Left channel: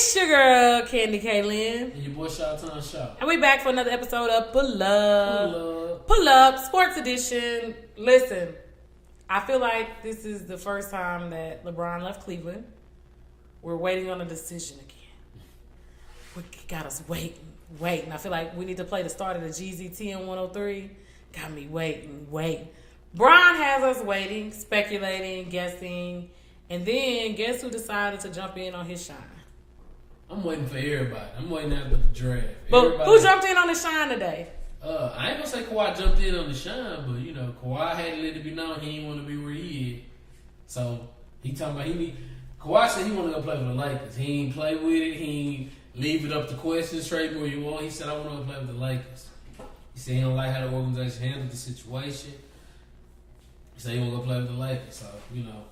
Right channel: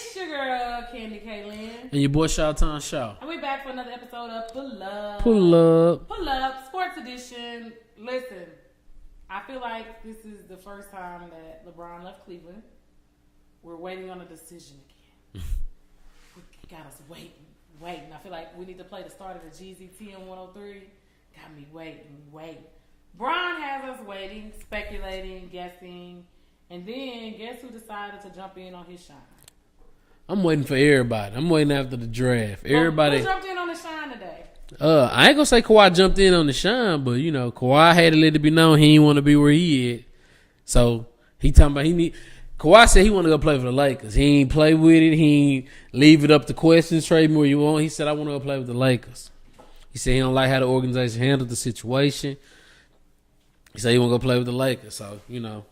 It's your girl, CandiKlynn. And your boy, ShawTime Shaw. And we back for another episode of Pull Up. Pull up, Sports Edition. Listen, I feel like this is the first time that LeBron left Cleveland. We're waiting on a decision again. We got us waiting. I feel like we need to play the start of the Jeezy 10-103. Got me waiting. Bron has us waiting, speculating, guessing. And then, guess who decided to jump in on his shine? I'm waiting for everybody. I'm waiting after the draft. Everybody. Who jumped in on the shine today? I ain't gonna say Kawhi jumped in on the shine, but you know, Kawhi had to let it be known he didn't want to be where he is. So he talking about Kawhi said he want to go play for the Lakers. He ain't play with it. He ain't leave it up to questions. Trade me where you want. He said I want to go play with the Lakers. He said he don't like how the organization handled the situation. He said he want to go play with the Lakers. So you know.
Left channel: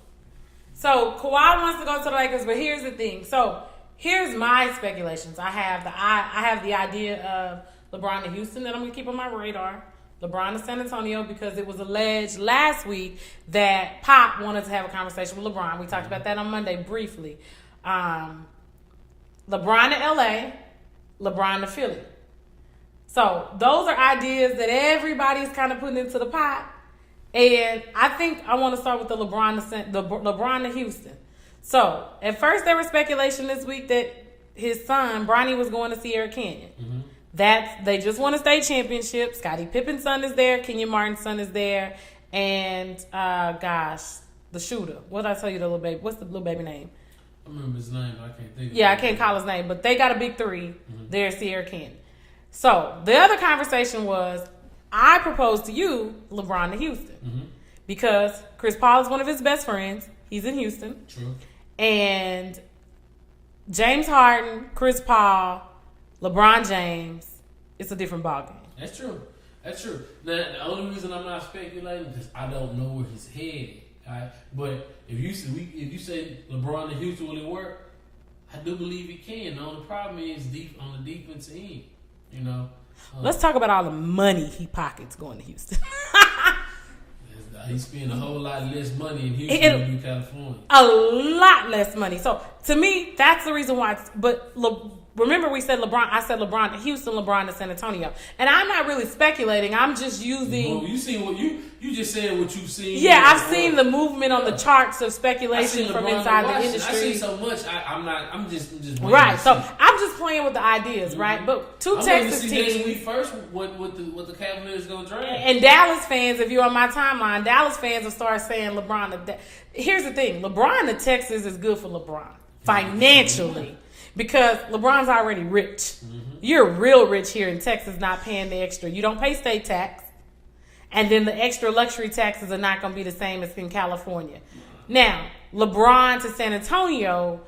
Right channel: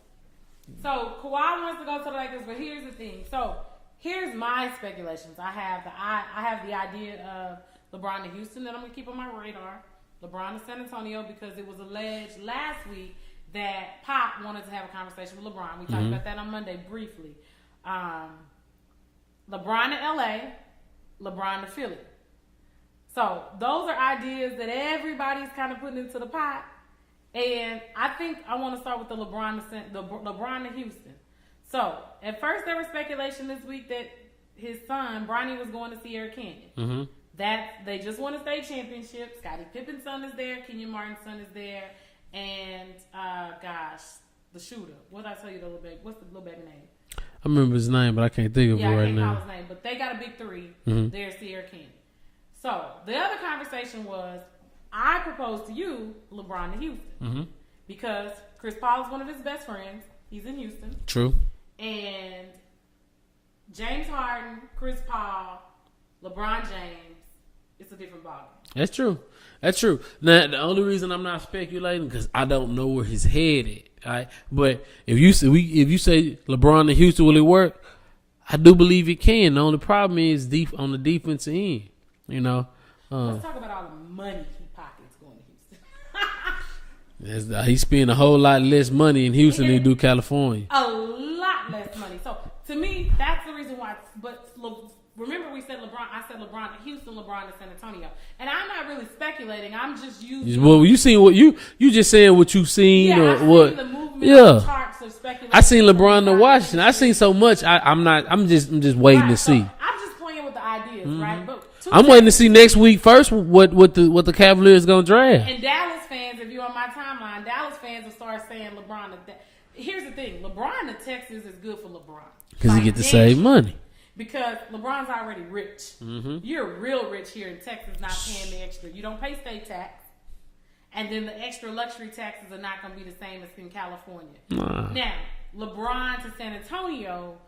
So Kawhi wants to go to the Lakers, but here's the thing. So here's my speculations. I have the idea of LeBron to Houston that I'm going to keep on my radar. LeBron to San Antonio because it was alleged last week that Pop wanted to have a conversation with LeBron. We talked about that on Monday briefly. LeBron to LA, LeBron to Philly. So those are ideas that everybody's kind of putting into the pot. And I think I want to start with the LeBron to Houston. So at first there was speculation this week that his son Bronny was going to Sierra Canyon. They just won a state championship. Scottie Pippen's son is there. Kenyon Martin's son is there. And the shooter. What did I tell you? The little baby. What's the little baby name? I remember his name, but I can't think of it. Yeah, I can't call his name. But they got a big three there at Sierra Canyon. So the other conversation was, I proposed to you, LeBron to Houston. Because Chris Paul is one of his best friends. He's in Houston. True. And James Harden, Chris Paul, LeBron James, it's a different ballgame. That's true. Now, the only reason I'm not speculating because I don't know where his head is. Right? But if you say LeBron to Houston, will it work? I do believe it can. The only problem is deep on the defensive end. You know. Let's talk about all the money he pockets going to Houston. He spend a whole lot less money in Houston than do California. A lot less money. So to me, that's the reason why. Remember, we said LeBron. I said LeBron to Houston, LeBron to San Antonio, and I'm not really speculating. I'm just using. Well, you seen what you just saying what you've seen. Yeah, I've seen the movement of the charts of speculation. I seen LeBron to Washington. I seen so much. I'm just waiting to see. So I'm just playing with the ideas, right? But I'm waiting to see next week first what the Cavaliers gonna draft. And Dallas fans, if you're on my timeline, Dallas fans will start saying LeBron. Here's the thing: LeBron to Texas is good for LeBron because he get the same money. Because LeBron's already rich. You're real rich here in Texas, not paying the extra. You don't pay state tax. And then the extra luxury taxes are not going to be the same as in California. Now, LeBron to San Antonio,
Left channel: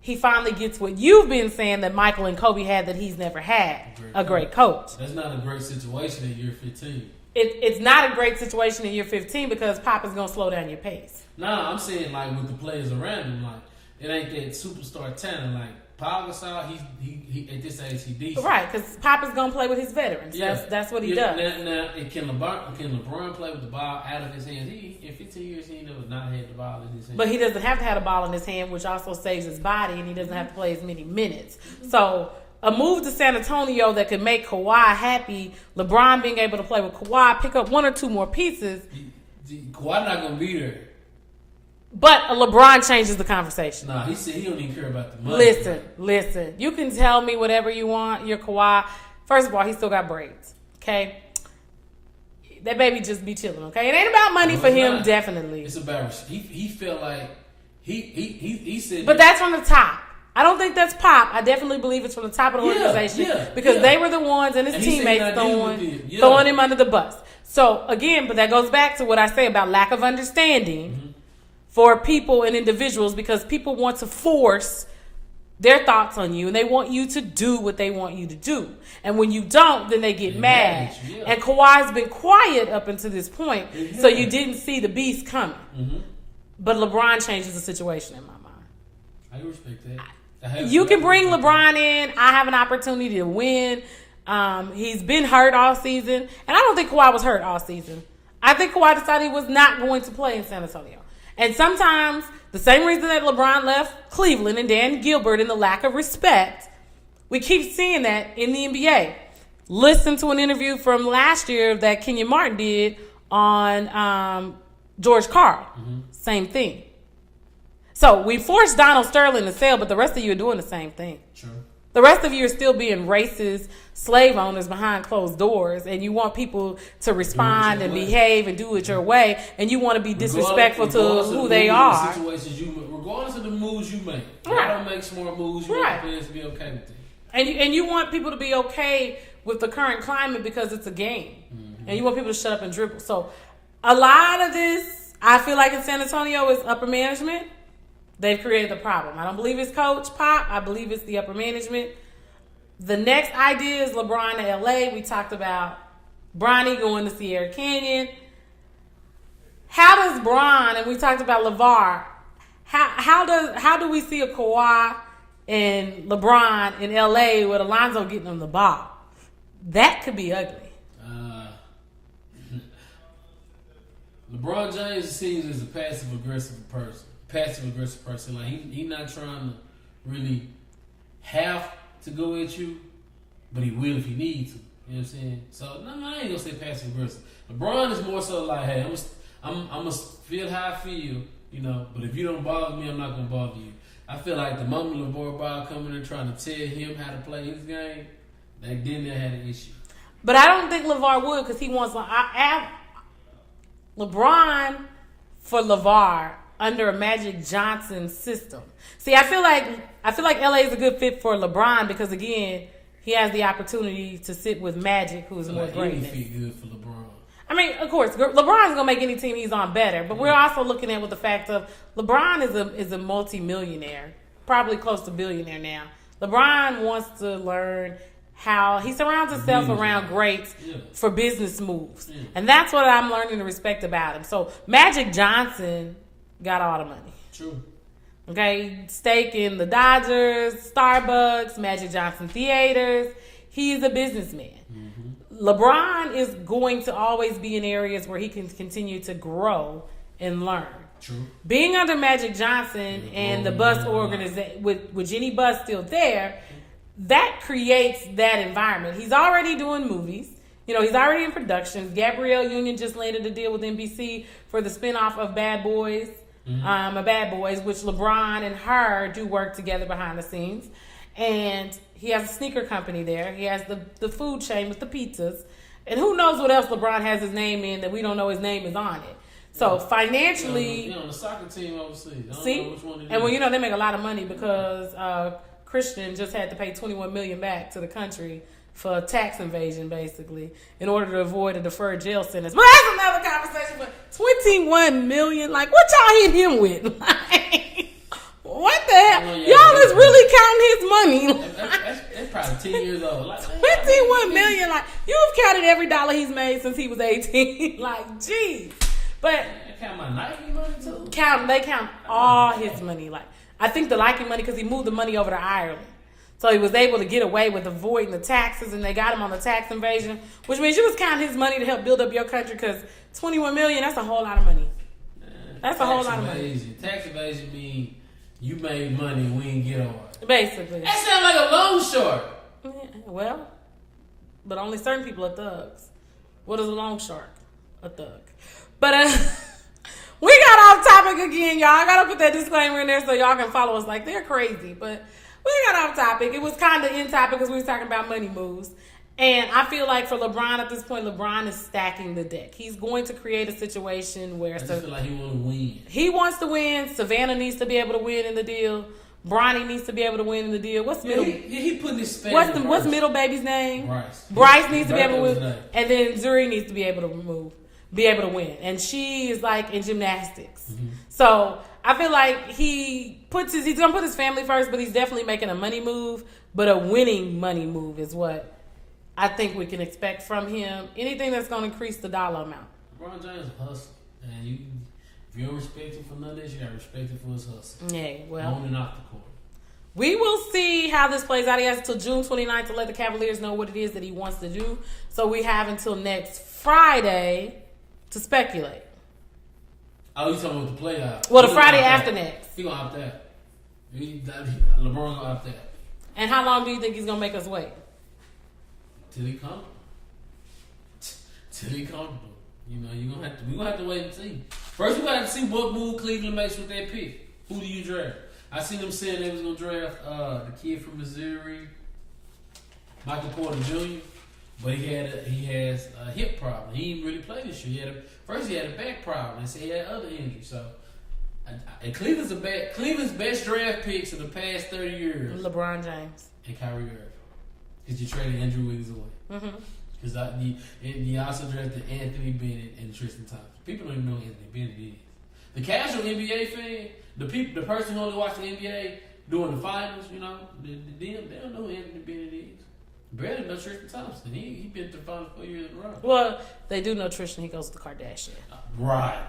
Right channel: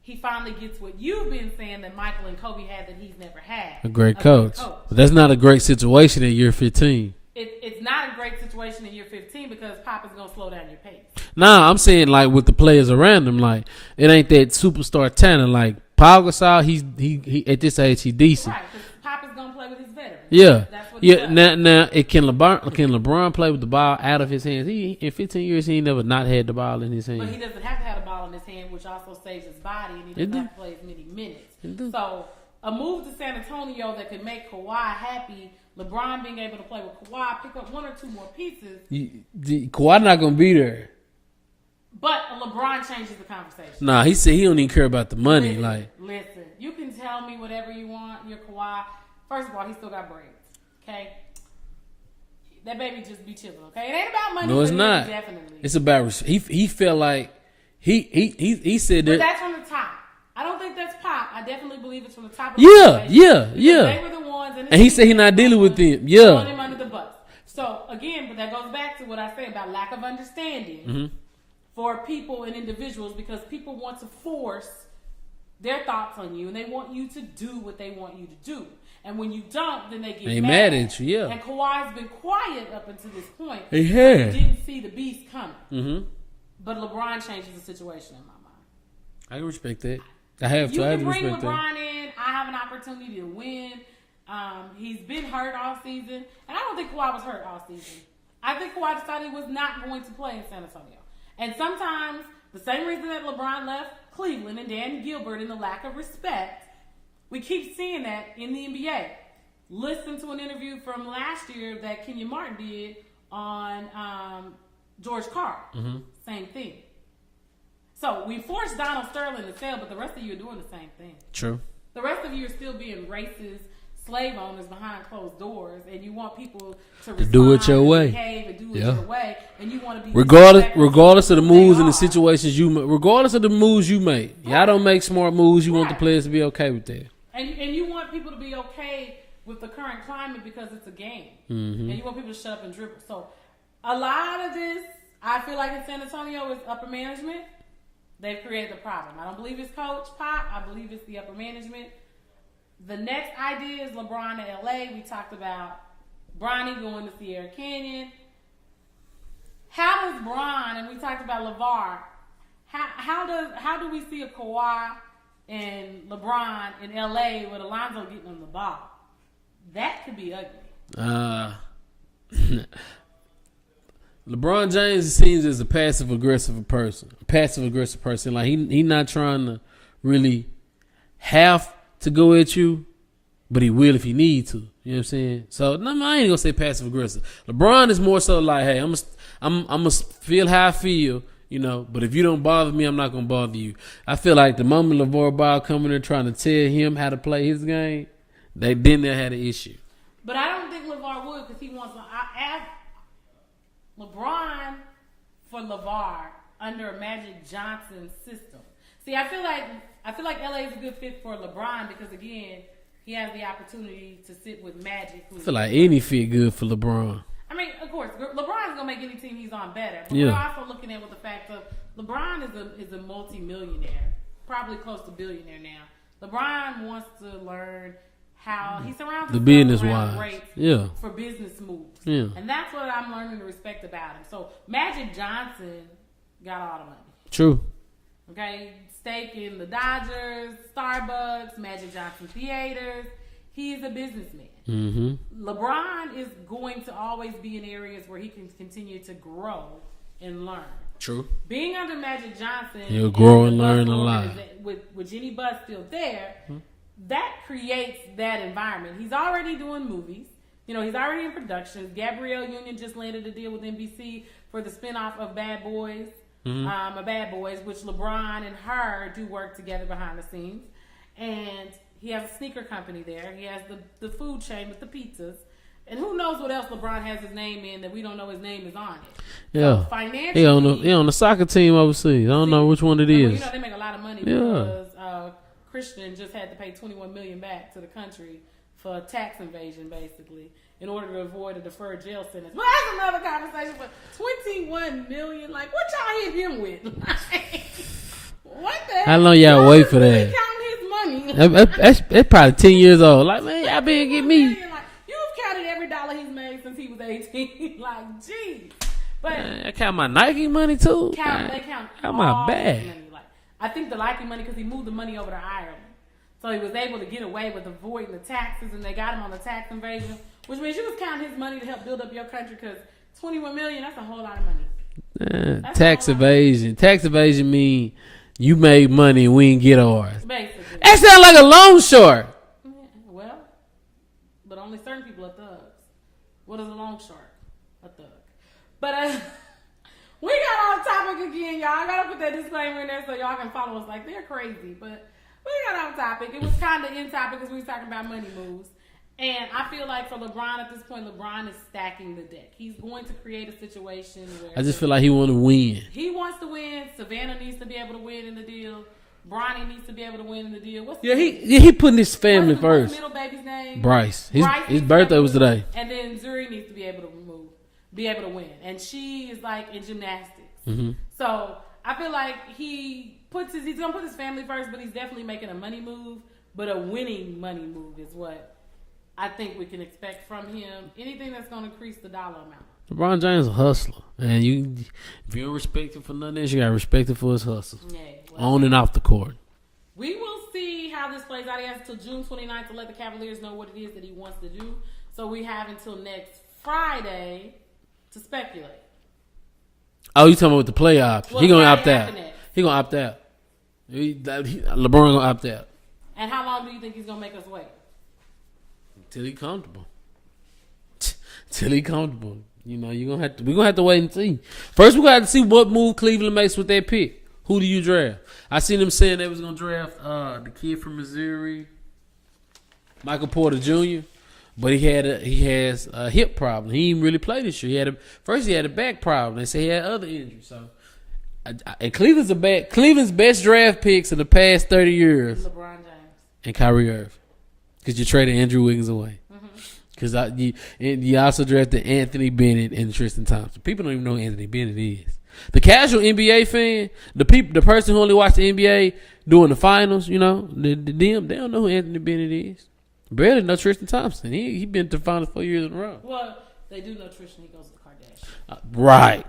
he finally gets what you've been saying that Michael and Kobe had that he's never had. A great coach. But that's not a great situation in year 15. It's not a great situation in year 15 because Pop is going to slow down your pace. Nah, I'm saying like with the players around him, like it ain't that superstar talent. Like Paul Gasol, he at this age he decent. Right, because Pop is going to play with his veterans. Yeah. That's what he does. Now can LeBron play with the ball out of his hands? In 15 years, he ain't never not had the ball in his hands. But he doesn't have to have the ball in his hand, which also saves his body, and he doesn't have to play as many minutes. So a move to San Antonio that could make Kawhi happy, LeBron being able to play with Kawhi, pick up one or two more pieces. Kawhi not going to be there. But LeBron changes the conversation. Nah, he said he don't even care about the money. Listen. You can tell me whatever you want. You're Kawhi. First of all, he still got braids. Okay? That baby just be chilling, okay? It ain't about money for him, not. Definitely. It's about he felt like he said that. But that's from the top. I don't think that's Pop. I definitely believe it's from the top of the organization. Because they were the ones and he said he's not dealing with them. Throwing him under the bus. So again, but that goes back to what I say about lack of understanding for people and individuals, because people want to force their thoughts on you and they want you to do what they want you to do. And when you don't, then they get mad at you. And Kawhi's been quiet up until this point. So you didn't see the beast coming. But LeBron changes the situation in my mind. I respect that. You can bring LeBron in. I have an opportunity to win. He's been hurt all season. And I don't think Kawhi was hurt all season. I think Kawhi decided he was not going to play in San Antonio. And sometimes The same reason that LeBron left Cleveland and Dan Gilbert in the lack of respect, we keep seeing that in the NBA. Listen to an interview from last year that Kenyon Martin did on George Karl. Mm-hmm. Same thing. So we forced Donald Sterling to sell, but the rest of you are doing the same thing. True. The rest of you are still being racist slave owners behind closed doors, and you want people to respond and behave and do it your way, and you want to be disrespectful regardless of the moves and the situations regardless of the moves you make. Y'all don't make smart moves. You want the players to be okay with that. And you want people to be okay with the current climate because it's a game. Mm-hmm. And you want people to shut up and dribble. So a lot of this, I feel like in San Antonio, is upper management. They've created the problem. I don't believe it's Coach Pop. I believe it's the upper management. The next idea is LeBron to LA. We talked about Bronny going to Sierra Canyon. How does Bron, and we talked about LeVar, how do we see a Kawhi and LeBron in LA with Alonzo getting them the ball? That could be ugly. LeBron James seems as a passive aggressive person. Like he not trying to really have to go at you, but he will if he need to. You know what I'm saying? So no, I ain't gonna say passive aggressive. LeBron is more so like, hey, I'm gonna feel how I feel, you know. But if you don't bother me, I'm not gonna bother you. I feel like the moment LeVar Ball coming in trying to tell him how to play his game, they didn't have an issue. But I don't think LeVar would, because he wants LeBron for LeVar under a Magic Johnson system. See, I feel like LA is a good fit for LeBron because, again, he has the opportunity to sit with Magic. I feel like any fit good for LeBron. I mean, of course, LeBron's gonna make any team he's on better, but we're also looking at with the fact of LeBron is a multi-millionaire, probably close to billionaire now. LeBron wants to learn how he surrounds himself around greats for business moves, and that's what I'm learning to respect about him. So Magic Johnson got all the money. True. Okay, stake in the Dodgers, Starbucks, Magic Johnson Theaters. He is a businessman. Mm-hmm. LeBron is going to always be in areas where he can continue to grow and learn. True. Being under Magic Johnson and the Bus organization, with Jenny Bus still there, that creates that environment. He's already doing movies. You know, he's already in productions. Gabrielle Union just landed a deal with NBC for the spinoff of Bad Boys. Mm-hmm. Bad Boys, which LeBron and her do work together behind the scenes. And he has a sneaker company there. He has the food chain with the pizzas. And who knows what else LeBron has his name in that we don't know his name is on it. Yeah. So financially... He on the soccer team overseas. I don't know which one it is. Well, you know, they make a lot of money because Christian just had to pay $21 million back to the country for tax invasion, basically, in order to avoid a deferred jail sentence. But that's another conversation. But $21 million, like, what y'all hit him with? Like, what the hell? How long y'all wait for really that? Counting his money. That's probably 10 years old. Like, man, y'all been getting me. $21 million, like, you've counted every dollar he's made since he was 18. Like, geez. But I count my Nike money too. They count all his money. Like, I think the Nike money because he moved the money over to Ireland. So he was able to get away with avoiding the taxes, and they got him on the tax invasion, which means you was counting his money to help build up your country because $21 million, that's a whole lot of money. Tax evasion. Tax evasion mean you made money and we didn't get ours. Basically. That sounds like a loan shark. Yeah, well, but only certain people are thugs. What is a loan shark? A thug. But we got off topic again, y'all. I got to put that disclaimer in there so y'all can follow us like they're crazy. But we got off topic. It was kind of in topic because we were talking about money moves. And I feel like for LeBron at this point, LeBron is stacking the deck. He's going to create a situation where... I just feel like he wants to win. He wants to win. Savannah needs to be able to win in the deal. Bronny needs to be able to win in the deal. He putting his family first. What's middle baby's name? Bryce. His birthday was today. And then Zuri needs to be able to win. And she is like in gymnastics. Mm-hmm. So I feel like he's gonna put his family first, but he's definitely making a money move. But a winning money move is what I think we can expect from him. Anything that's gonna increase the dollar amount. LeBron James is a hustler. And if you don't respect him for nothing else, you gotta respect him for his hustle. Yeah, well, on and off the court. We will see how this plays out. He has until June 29th to let the Cavaliers know what it is that he wants to do. So we have until next Friday to speculate. Oh, you talking about the playoffs? Well, the Friday after next. He gonna opt out. LeBron gonna opt out. And how long do you think he's gonna make us wait? Till he comfortable. Till he comfortable. You know, we're gonna have to wait and see. First, we gotta have to see what move Cleveland makes with that pick. Who do you draft? I seen them saying they was gonna draft the kid from Missouri, Michael Porter Jr. But he has a hip problem. He didn't really play this year. He had a back problem. They say he had other injuries. So, and Cleveland's best draft picks in the past 30 years. LeBron James and Kyrie Irving, because you traded Andrew Wiggins away. Because you also drafted Anthony Bennett and Tristan Thompson. People don't even know who Anthony Bennett is. The casual NBA fan, the person who only watched the NBA during the finals, you know, they don't know who Anthony Bennett is. Barely know Tristan Thompson. He been to the finals 4 years in a row. Well, they do know Tristan. He goes to the Kardashian. Right.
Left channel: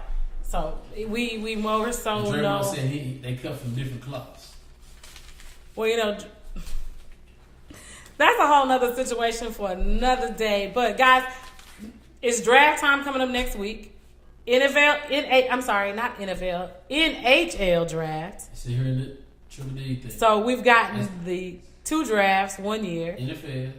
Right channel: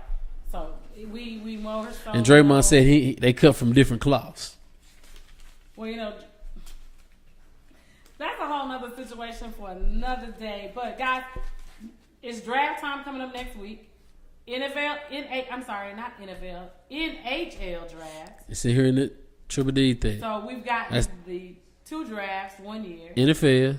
So we more so. And Draymond said they cut from different cloths. Well, you know, that's a whole nother situation for another day. But guys, it's draft time coming up next week. NHL draft. It's here in the Triple D thing. So we've got the 2 drafts 1 year. NFL,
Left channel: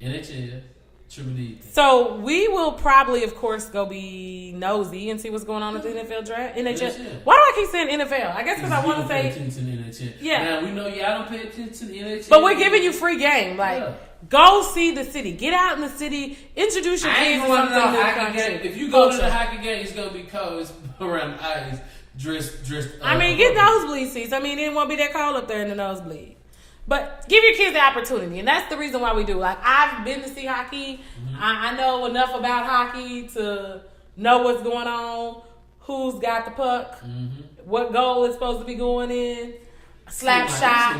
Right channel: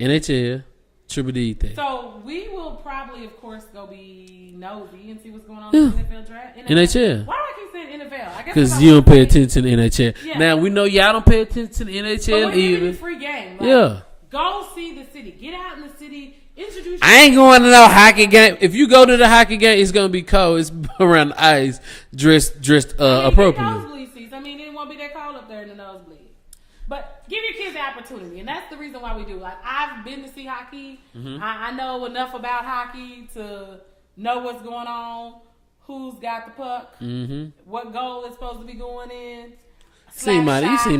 NHL, Triple D thing. So we will probably, of course, go be nosy and see what's going on in the NFL draft. NHL. Why do I keep saying NFL? I guess because you don't pay attention to the NHL. Yeah. Now we know y'all don't pay attention to the NHL. But we're giving you free game. Like, yeah. Go see the city. Get out in the city. Introduce. I ain't going to no hockey game. If you go to the hockey game, it's gonna be cold. It's around the ice, dressed. Get nosebleed seats. It won't be that cold up there in the nosebleed. But give your kids the opportunity, and that's the reason why we do. Like, I've been to see hockey. Mm-hmm. I know enough about hockey to know what's going on, who's got the puck, what goal is supposed to be going in. You seen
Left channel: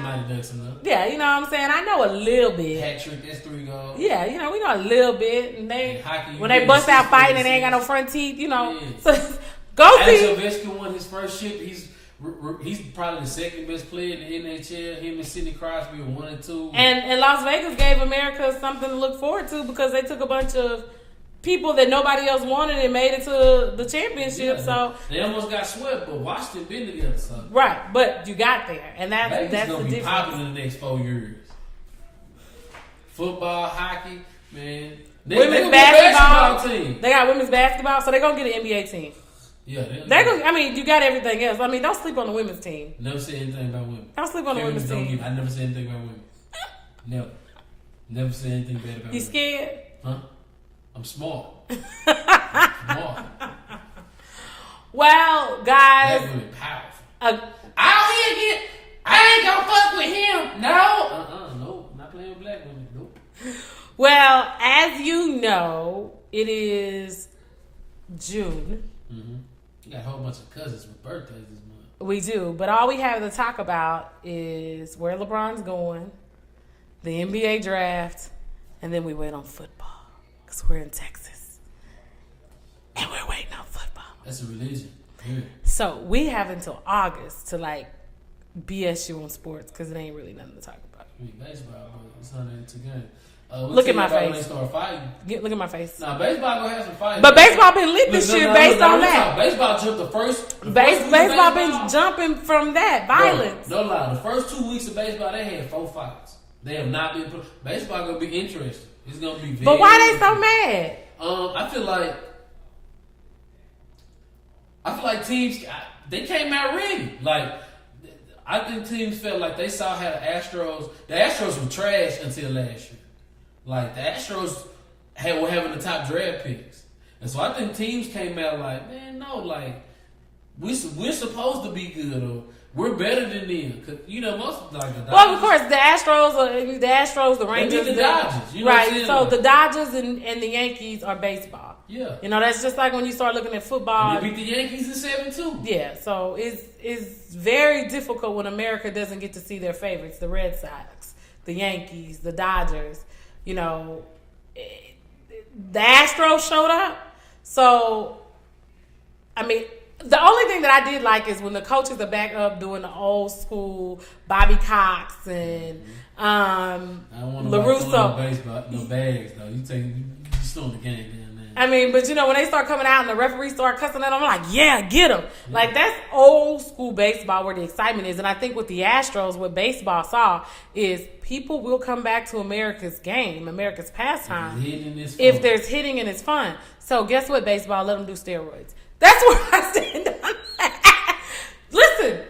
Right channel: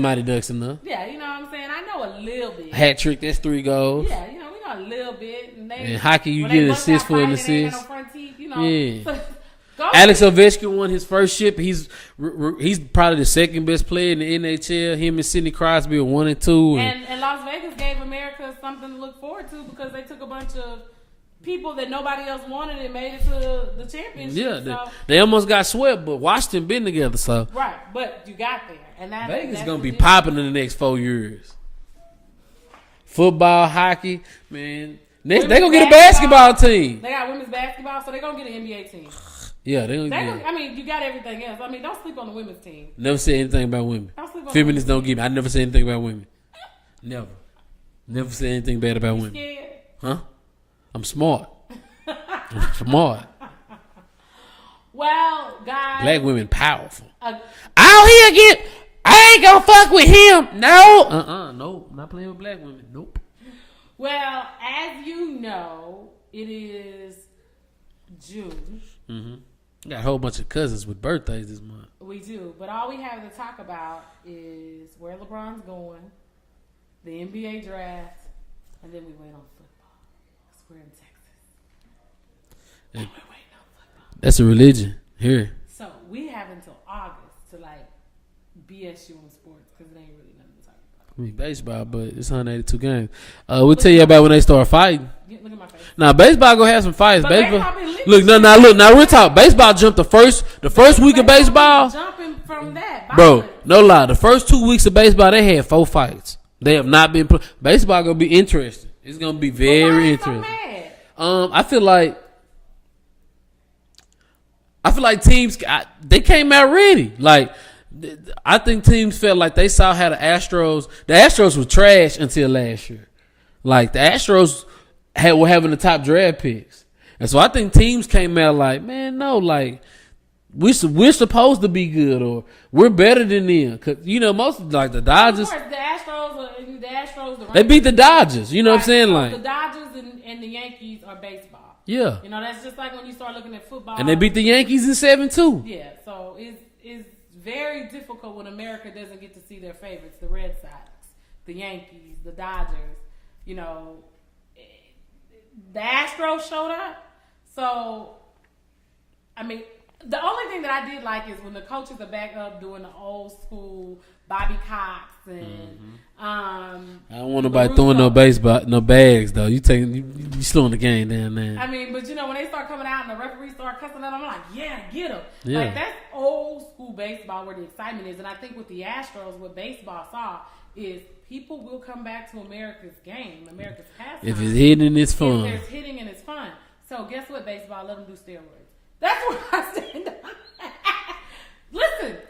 Mighty Ducks enough. Yeah, you know what I'm saying? I know a little bit. Hat trick, that's 3 goals. Yeah, we know a little bit. And hockey, when they bust out fighting, they ain't got no front teeth, Yeah. So, go Alex see. Ovechkin won his first ship. He's probably the second best player in the NHL. Him and Sidney Crosby are 1 and 2. And Las Vegas gave America something to look forward to because they took a bunch of people that nobody else wanted and made it to the championship. Yeah, so they almost got swept, but Washington been together. So right, but you got there, and that's gonna be popping in the next 4 years. Football, hockey, man. They gonna get a basketball team. They got women's basketball, so they gonna get an NBA team. Yeah, you got everything else. Don't sleep on the women's team. Never said anything about women. Don't sleep on Feminists the women's team. I never said anything about women. Never said anything bad about women. You scared? Huh? I'm smart. I'm smart. Well, guys. Black women powerful. Out here again. I ain't gonna fuck with him. No. No. Not playing with black women. Nope. Well, as you know, it is June. Mm-hmm. Got a whole bunch of cousins with birthdays this month. We do. But all we have to talk about is where LeBron's going, the NBA draft, and then we wait on football. Because we're in Texas. And we're waiting on football. That's a religion here. So we have until August to BS you on sports because it ain't really nothing to talk about. Baseball, but it's 182 games. We'll tell you about when they start fighting. Look at my face. Now, baseball gonna have some fights. But baseball been lit. Look, now we're talking. Baseball jumped the first week of baseball. Jumping from that violence. Bro, no lie. The first 2 weeks of baseball, they had 4 fights. They have not been. Baseball gonna be interesting. It's gonna be very. But why they so mad? I feel like teams they came out ready. I think teams felt like they saw how the Astros were trash until last year. The Astros were having the top draft picks. And so I think teams came out man, no, we're supposed to be good or we're better than them. Cause most the Dodgers. Well, of course, the Rangers, they beat the Dodgers. You know what I'm saying? So the Dodgers and the Yankees are baseball. Yeah. That's just like when you start looking at football. And they beat the Yankees in 7-2. Yeah. So it's very difficult when America doesn't get to see their favorites, the Red Sox, the Yankees, the Dodgers. The Astros showed up. So, the only thing that I did like is when the coaches are back up doing the old school Bobby Cox and I don't want nobody throwing no bags though. You slowing the game down there. I mean, but when they start coming out and the referees start cussing at them, I'm like, yeah, get them. Yeah. Like that's old school baseball where the excitement is. And I think with the Astros, what baseball saw is people will come back to America's game, America's pastime. If it's hitting, it's fun. If there's hitting and it's fun. So guess what, baseball? Let them do steroids. That's where I stand on that. Listen.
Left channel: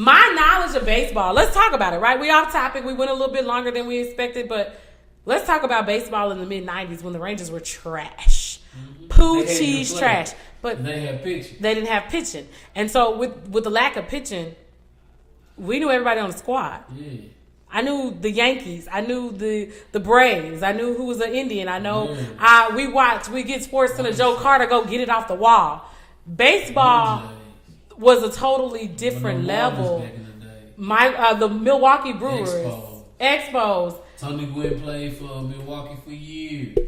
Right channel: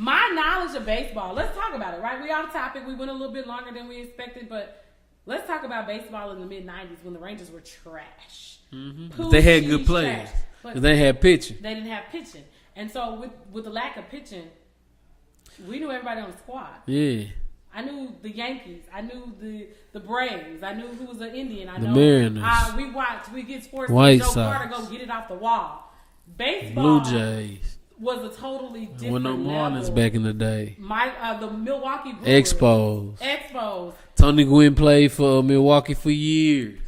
My knowledge of baseball, let's talk about it, right? We off topic. We went a little bit longer than we expected, but let's talk about baseball in the mid-'90s when the Rangers were trash. Mm-hmm. Poo cheese trash. But they had pitching. They didn't have pitching. And so with the lack of pitching, we knew everybody on the squad. Yeah. I knew the Yankees. I knew the Braves. I knew who was an Indian. I know we get sports to Joe Carter, go get it off the wall. Baseball was a totally different level. Back in the day. The Milwaukee Brewers. Expos. Tony Gwynn played for Milwaukee for years.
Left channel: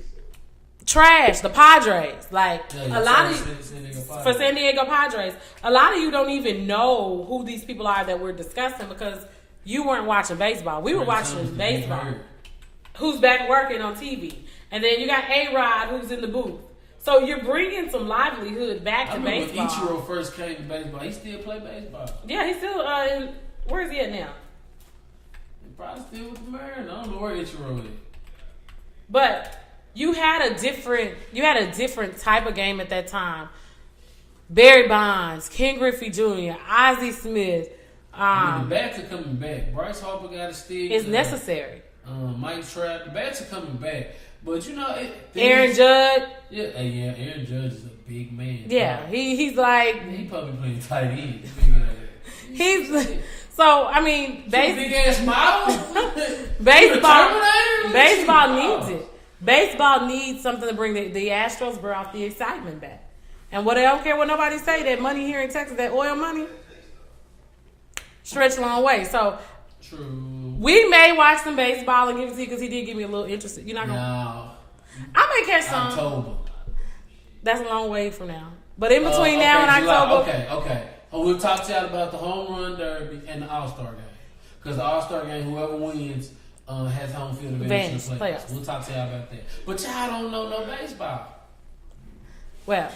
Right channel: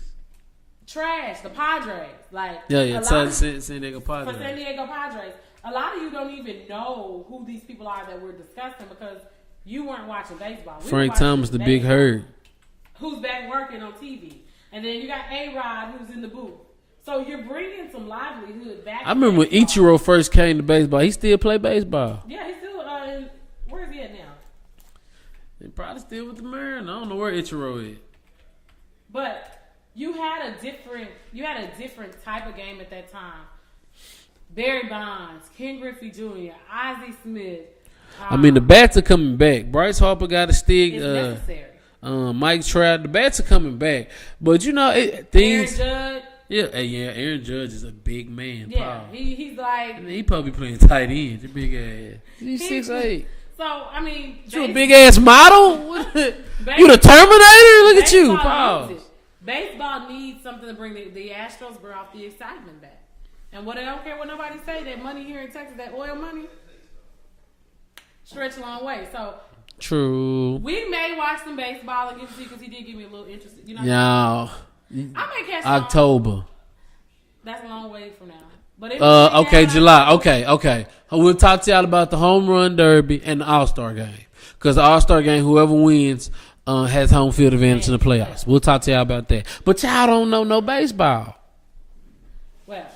Trash. The Padres. San Diego Padres. For San Diego Padres. A lot of you don't even know who these people are that we're discussing because you weren't watching baseball. We were watching Thomas, the baseball. Big Hurt. Who's back working on TV. And then you got A-Rod who's in the booth. So you're bringing some livelihood back to remember baseball. when Ichiro first came to baseball. He still play baseball. Yeah, he's still where is he at now? He probably still with the Mariners. I don't know where Ichiro is. But you had a different type of game at that time. Barry Bonds, Ken Griffey Jr., Ozzie Smith. The bats are coming back. Bryce Harper got a stick. It's necessary. Mike Trout, the bats are coming back. But Aaron Judge. Yeah, Aaron Judge is a big man. Yeah, probably. He's like he probably playing tight end. The big ass. He's 6'8". So big ass model with a Terminator. Look at you. Baseball needs it. Baseball needs something to bring the Astros brought the excitement back. And I don't care what nobody say. That money here in Texas, that oil money, stretch a long way. So. True. We may watch some baseball and give it to you because he did get me a little interested. You know. No. I may catch some. October. That's a long way from now. But in between now and July. October, Okay. We'll talk to y'all about the home run derby and the All-Star game. Because the All-Star game, whoever wins has home field advantage in the playoffs. We'll talk to y'all about that. But y'all don't know no baseball. Well,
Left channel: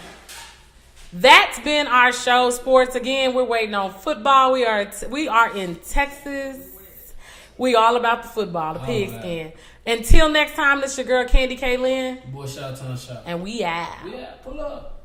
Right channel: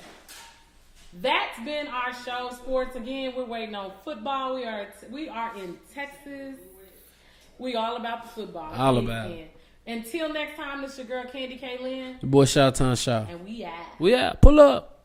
that's been our show. Sports again. We're waiting on football. We are in Texas. We all about the football, the pigskin. Until next time, this your girl CandiKlynn. The boy ShawTime Shaw. And we out. Pull up.